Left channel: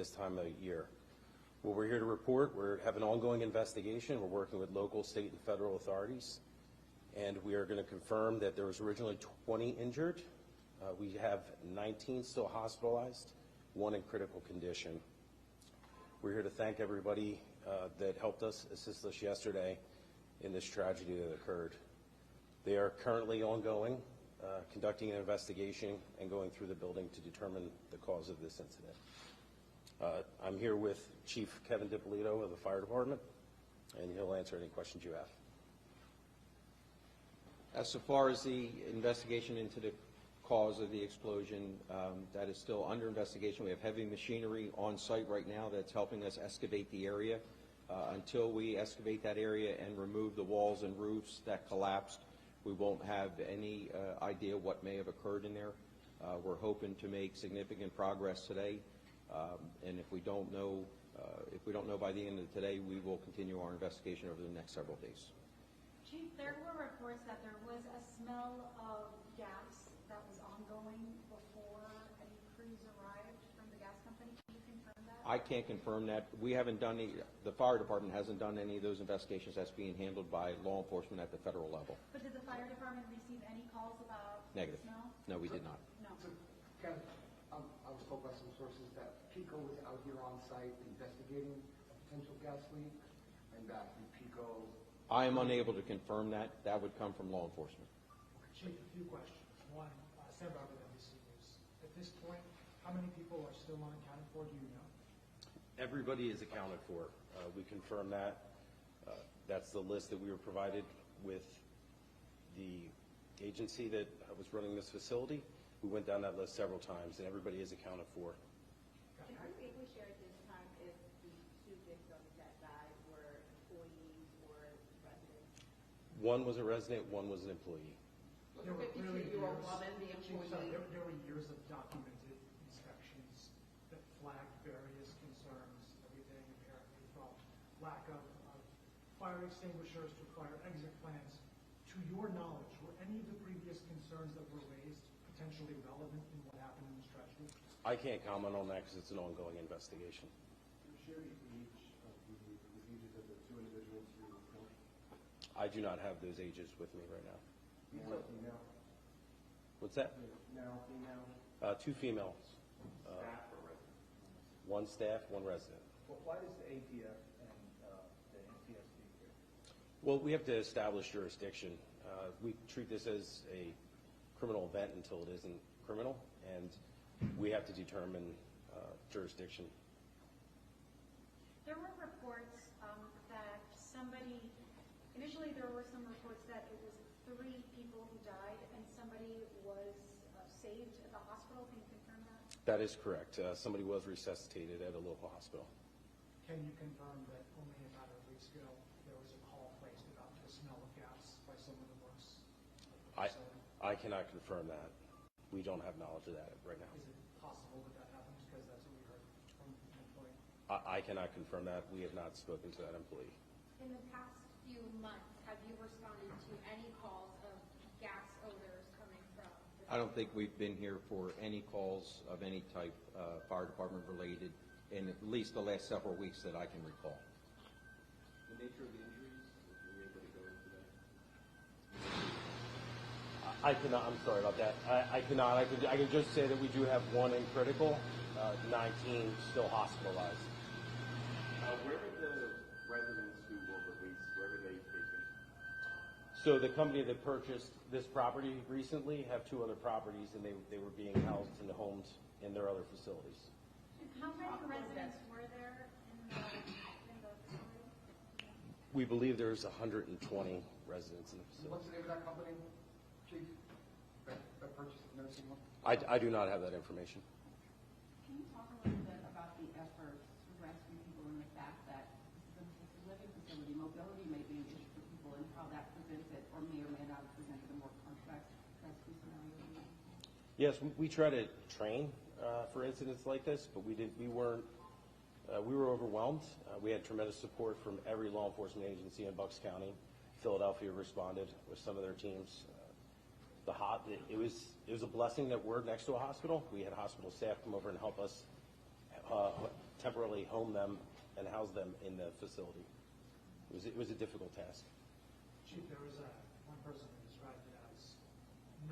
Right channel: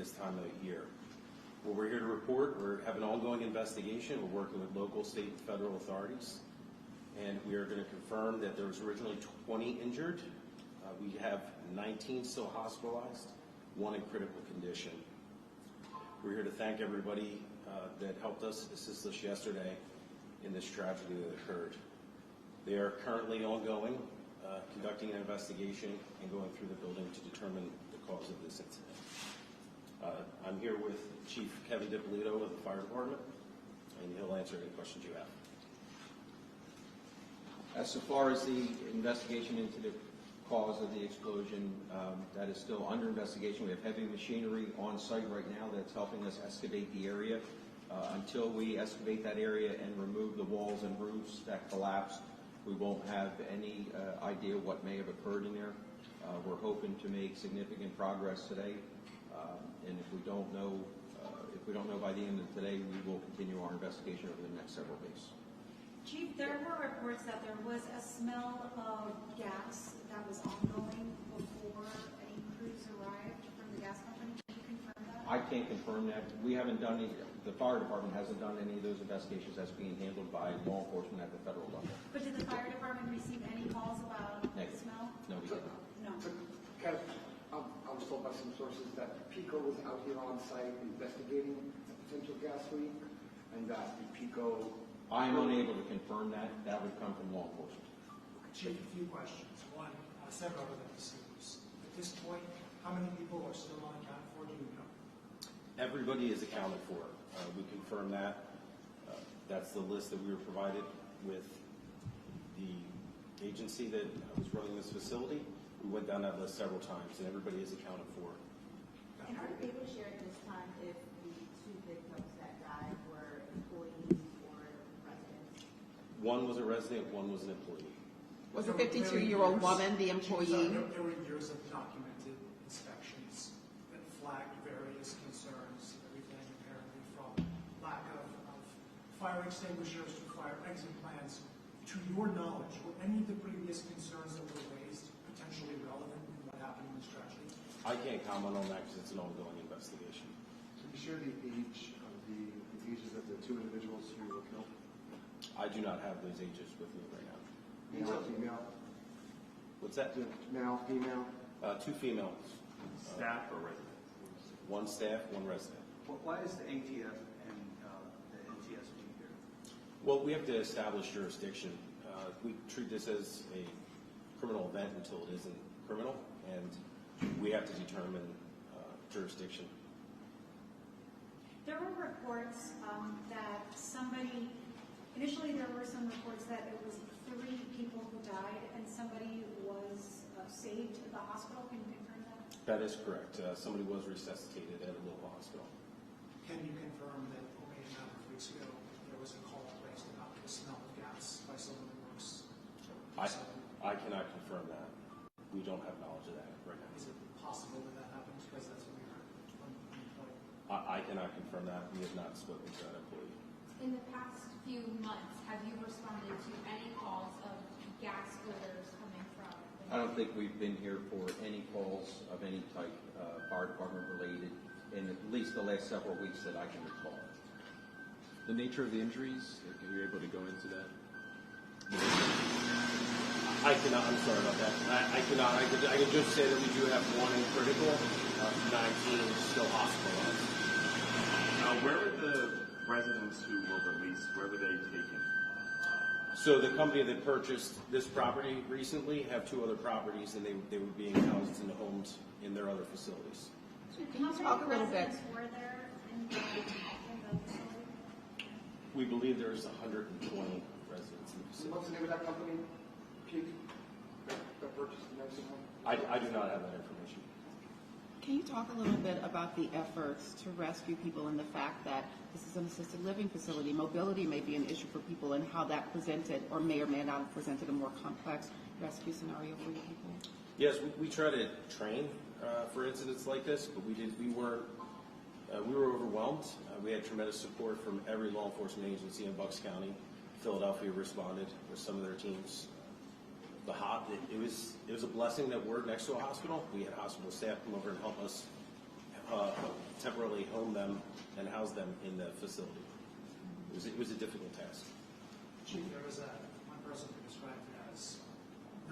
this time of year. Well, we're here to report. We have an ongoing investigation. We're working with local, state, and federal authorities. And we are going to confirm that there was originally 20 injured. We have 19 still hospitalized, 1 in critical condition. We're here to thank everybody that helped us, assist us yesterday in this tragedy that occurred. They are currently ongoing, conducting an investigation and going through the building to determine the cause of this incident. I'm here with Chief Kevin DiPolito of the Fire Department, and he'll answer any questions you have. So far as the investigation into the cause of the explosion, that is still under investigation. We have heavy machinery on site right now that's helping us excavate the area. Until we excavate that area and remove the walls and roofs that collapsed, we won't have any idea what may have occurred in there. We're hoping to make significant progress today, and if we don't know by the end of today, we will continue our investigation over the next several days. Chief, there were reports that there was a smell of gas that was ongoing before any crews arrived from the gas company. Can you confirm that? I can't confirm that. We haven't done any, the fire department hasn't done any of those investigations. That's being handled by law enforcement at the federal level. But did the fire department receive any calls about the smell? No, we did not. No. I was told by some sources that PICO was out here on site investigating a potential gas leak, and that the PICO... I am unable to confirm that. That would come from law enforcement. Chief, a few questions. One, several of them deceased. At this point, how many people are still unaccounted for? Do you know? Everybody is accounted for. We confirm that. That's the list that we were provided with the agency that was running this facility. We went down that list several times, and everybody is accounted for. And are you able to share at this time if the 2 victims that died were employees or residents? One was a resident, one was an employee. Was a 52-year-old woman the employee? There were years of documented inspections that flagged various concerns, everything apparently from lack of fire extinguishers to fire exit plans. To your knowledge, were any of the previous concerns that were raised potentially relevant in what happened in this tragedy? I can't comment on that because it's an ongoing investigation. So be sure the age of the ages of the 2 individuals who were killed? I do not have those ages with me right now. Male, female? What's that? Male, female? 2 females. Staff or resident? 1 staff, 1 resident. Why is the ATF and the NTSB here? Well, we have to establish jurisdiction. We treat this as a criminal event until it isn't criminal, and we have to determine jurisdiction. There were reports that initially there were some reports that it was 3 people who died and somebody was saved at the hospital. Can you confirm that? That is correct. Somebody was resuscitated at a local hospital. Can you confirm that only a matter of weeks ago there was a call placed about the smell of gas by someone in Brooks? I cannot confirm that. We don't have knowledge of that right now. Is it possible that that happens because that's what we heard from the employee? I cannot confirm that. We have not spoken to that employee. In the past few months, have you responded to any calls of gas odors coming from? I don't think we've been here for any calls of any type, fire department related, in at least the last several weeks that I can recall. The nature of the injuries, if you're able to go into that? I cannot. I'm sorry about that. I cannot. I can just say that we do have 1 in critical, 19 still hospitalized. Now, where were the residents who were released? Where were they taken? So the company that purchased this property recently have 2 other properties, and they were being housed in the homes in their other facilities. Can you talk a little bit? Were there in the facility? We believe there's 120 residents in the facility. What's the name of that company, Chief, that purchased the nursing home? I do not have that information. Can you talk a little bit about the efforts to rescue people and the fact that this is an assisted living facility? Mobility may be an issue for people, and how that presented or may not have presented a more complex rescue scenario for you people? Yes, we try to train for incidents like this, but we were overwhelmed. We had tremendous support from every law enforcement agency in Bucks County. Philadelphia responded with some of their teams. It was a blessing that we're next to a hospital. We had hospital staff come over and help us home them and house them in the facility. It was a difficult task. Chief, there was one person who described it as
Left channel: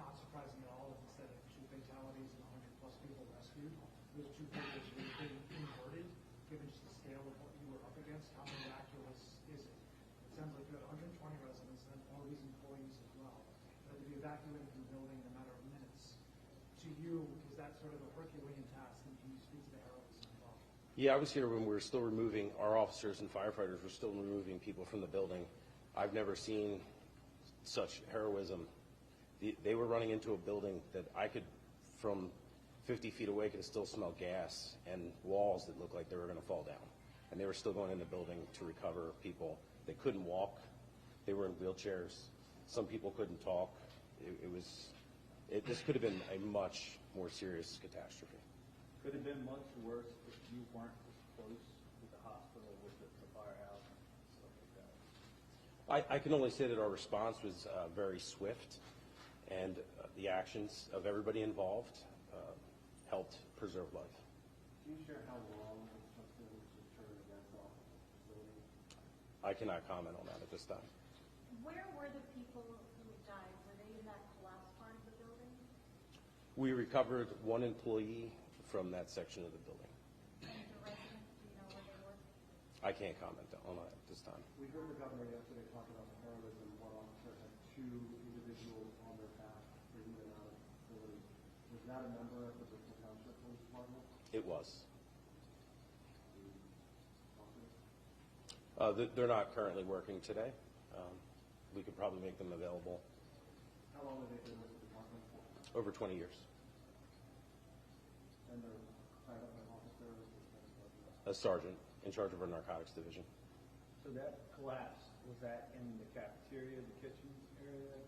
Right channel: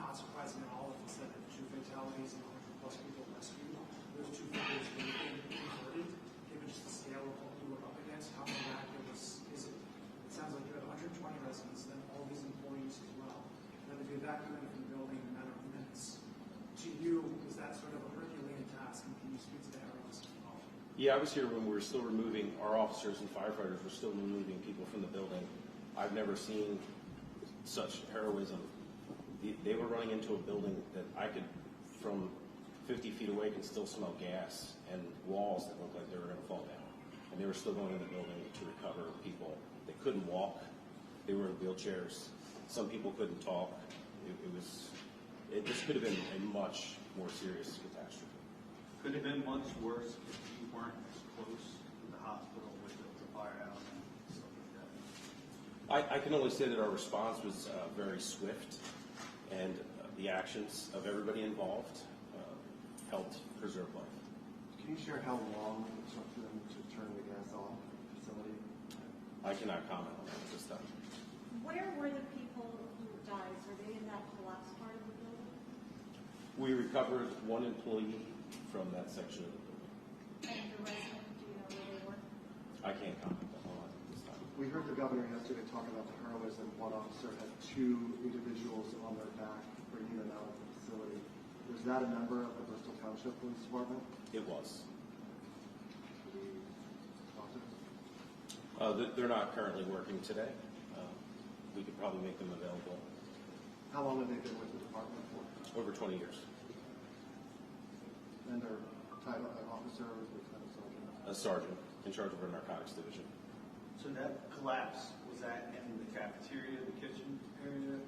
not surprising at all if it said that 2 fatalities and 100+ people rescued. Those 2 figures would have been inverted, given just the scale of what we were up against. How miraculous is it? It sounds like you have 120 residents, then all these employees as well. And then if you evacuate from the building in a matter of minutes, to you, is that sort of a Herculean task? And can you speak to the heroism involved? Yeah, I was here when we were still removing, our officers and firefighters were still removing people from the building. I've never seen such heroism. They were running into a building that I could, from 50 feet away, can still smell gas and walls that looked like they were going to fall down. And they were still going in the building to recover people. They couldn't walk. They were in wheelchairs. Some people couldn't talk. This could have been a much more serious catastrophe. Could have been much worse if you weren't as close to the hospital with the firehouse and stuff like that. I can only say that our response was very swift, and the actions of everybody involved helped preserve life. Can you share how long it took them to turn the gas off at the facility? I cannot comment on that at this time. Where were the people who died? Were they in that collapsed part of the building? We recovered 1 employee from that section of the building. And the resident, do you know where they were? I can't comment on that at this time. We heard the governor yesterday talk about the heroism. One officer had 2 individuals on their back bringing them out of the facility. Was that a member of the Bristol Township Police Department? It was. Did we talk to them? They're not currently working today. We could probably make them available. How long have they been with the department for? Over 20 years. And their title, an officer, was lieutenant sergeant? A sergeant in charge of our narcotics division. So that collapse, was that in the cafeteria, the kitchen area?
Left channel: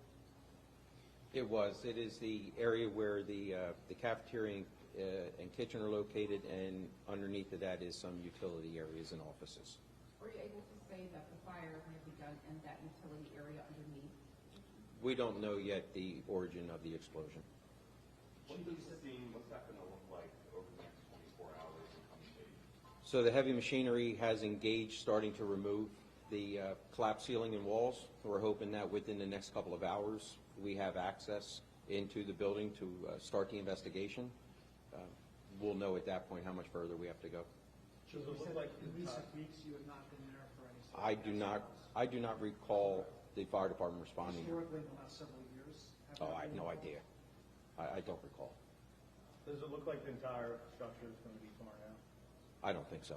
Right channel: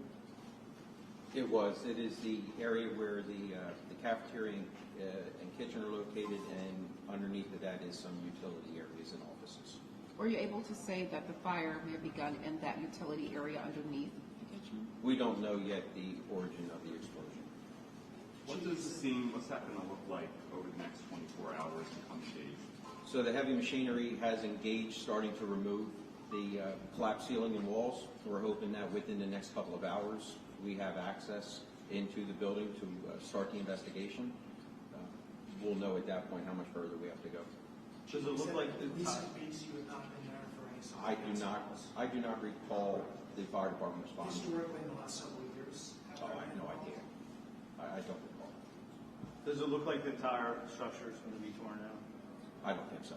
It was. It is the area where the cafeteria and kitchen are located, and underneath of that is some utility areas and offices. Were you able to say that the fire may have begun in that utility area underneath the kitchen? We don't know yet the origin of the explosion. What does the scene, what's that going to look like over the next 24 hours and coming days? So the heavy machinery has engaged, starting to remove the collapsed ceiling and walls. So we're hoping that within the next couple of hours, we have access into the building to start the investigation. We'll know at that point how much further we have to go. Does it look like in recent weeks you have not been there for any sort of I do not recall the fire department responding. historically in the last several years? Oh, I have no idea. I don't recall. Does it look like the entire structure is going to be torn down? I don't think so.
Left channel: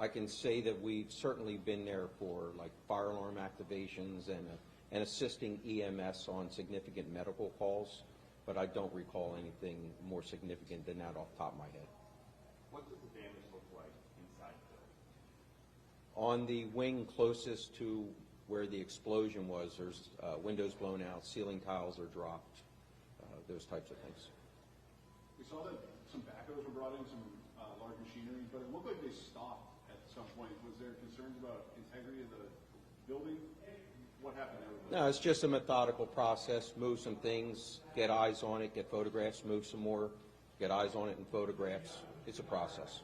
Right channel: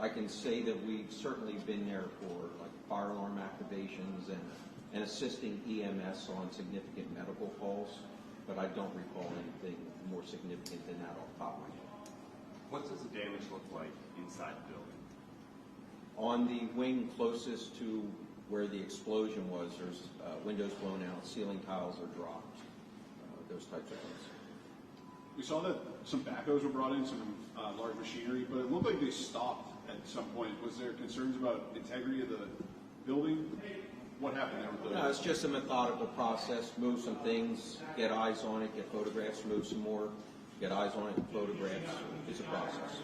I can say that we've certainly been there for like fire alarm activations and assisting EMS on significant medical calls, but I don't recall anything more significant than that off the top of my head. What does the damage look like inside the building? On the wing closest to where the explosion was, there's windows blown out, ceiling tiles are dropped, those types of things. We saw that some backhoes were brought in, some large machinery, but it looked like they stopped at some point. Was there concerns about integrity of the building? What happened there with the... No, it's just a methodical process. Move some things, get eyes on it, get photographs, move some more, get eyes on it, and photographs. It's a process.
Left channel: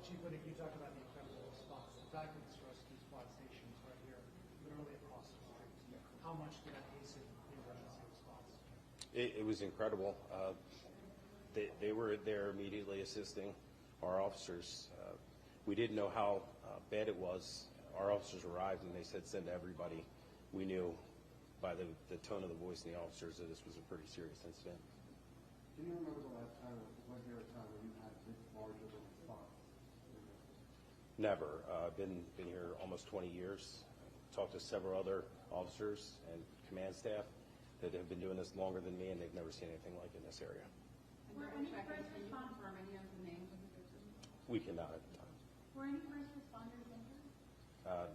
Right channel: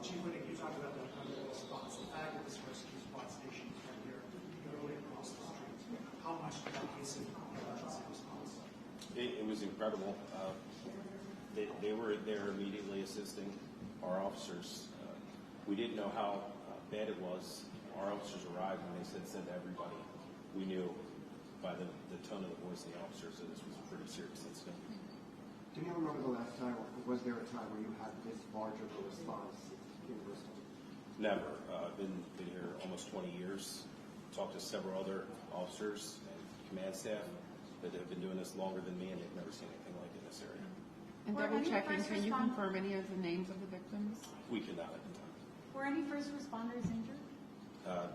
Chief Whittick, you talked about the chemical response. The fact that this rescue squad station is right here, literally across the street, how much did that hasten the emergency response? It was incredible. They were there immediately assisting our officers. We didn't know how bad it was. Our officers arrived and they said send everybody. We knew by the tone of the voice of the officers that this was a pretty serious incident. Do you remember the last time, or was there a time where you had this large of a response in Bristol? Never. I've been here almost 20 years. Talked to several other officers and command staff that have been doing this longer than me, and they've never seen anything like it in this area. And Were double any checking, first can you respond- confirm any of the names of the victims? We cannot at the time. Were any first responders injured?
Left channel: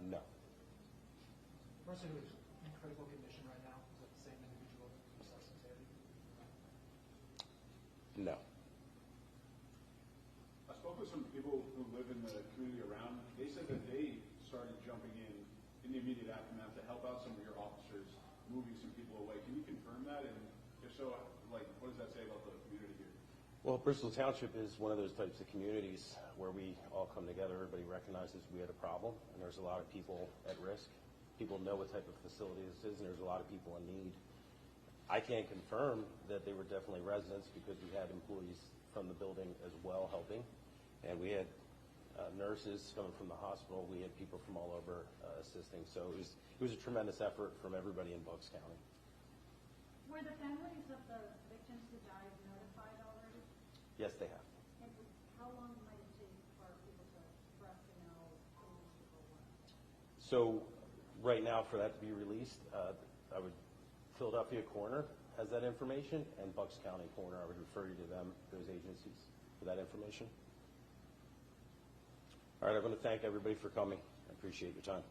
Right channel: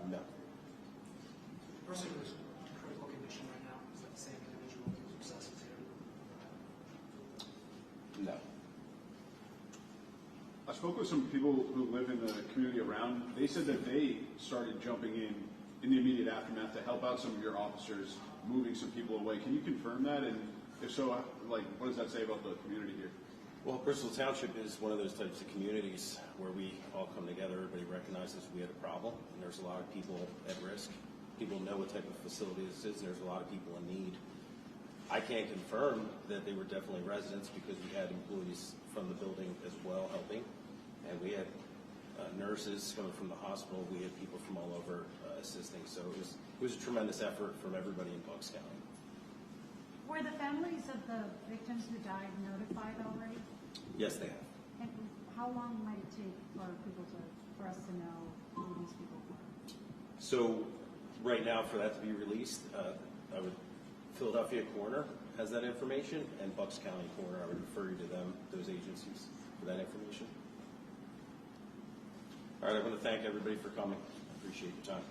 No. The person who's in critical condition right now, is that the same individual who was resuscitated? No. I spoke with some people who live in the community around. They said that they started jumping in the immediate aftermath to help out some of your officers, moving some people away. Can you confirm that? And if so, like, what does that say about the community here? Well, Bristol Township is one of those types of communities where we all come together, everybody recognizes we had a problem, and there's a lot of people at risk. People know what type of facility this is, and there's a lot of people in need. I can't confirm that they were definitely residents because we had employees from the building as well helping, and we had nurses coming from the hospital. We had people from all over assisting, so it was a tremendous effort from everybody in Bucks County. Were the families of the victims who died notified already? Yes, they have. And how long might it take for us to know who these people were? So right now, for that to be released, I would Philadelphia Coroner has that information, and Bucks County Coroner, I would refer you to them, those agencies, for that information. All right, I want to thank everybody for coming. I appreciate your time.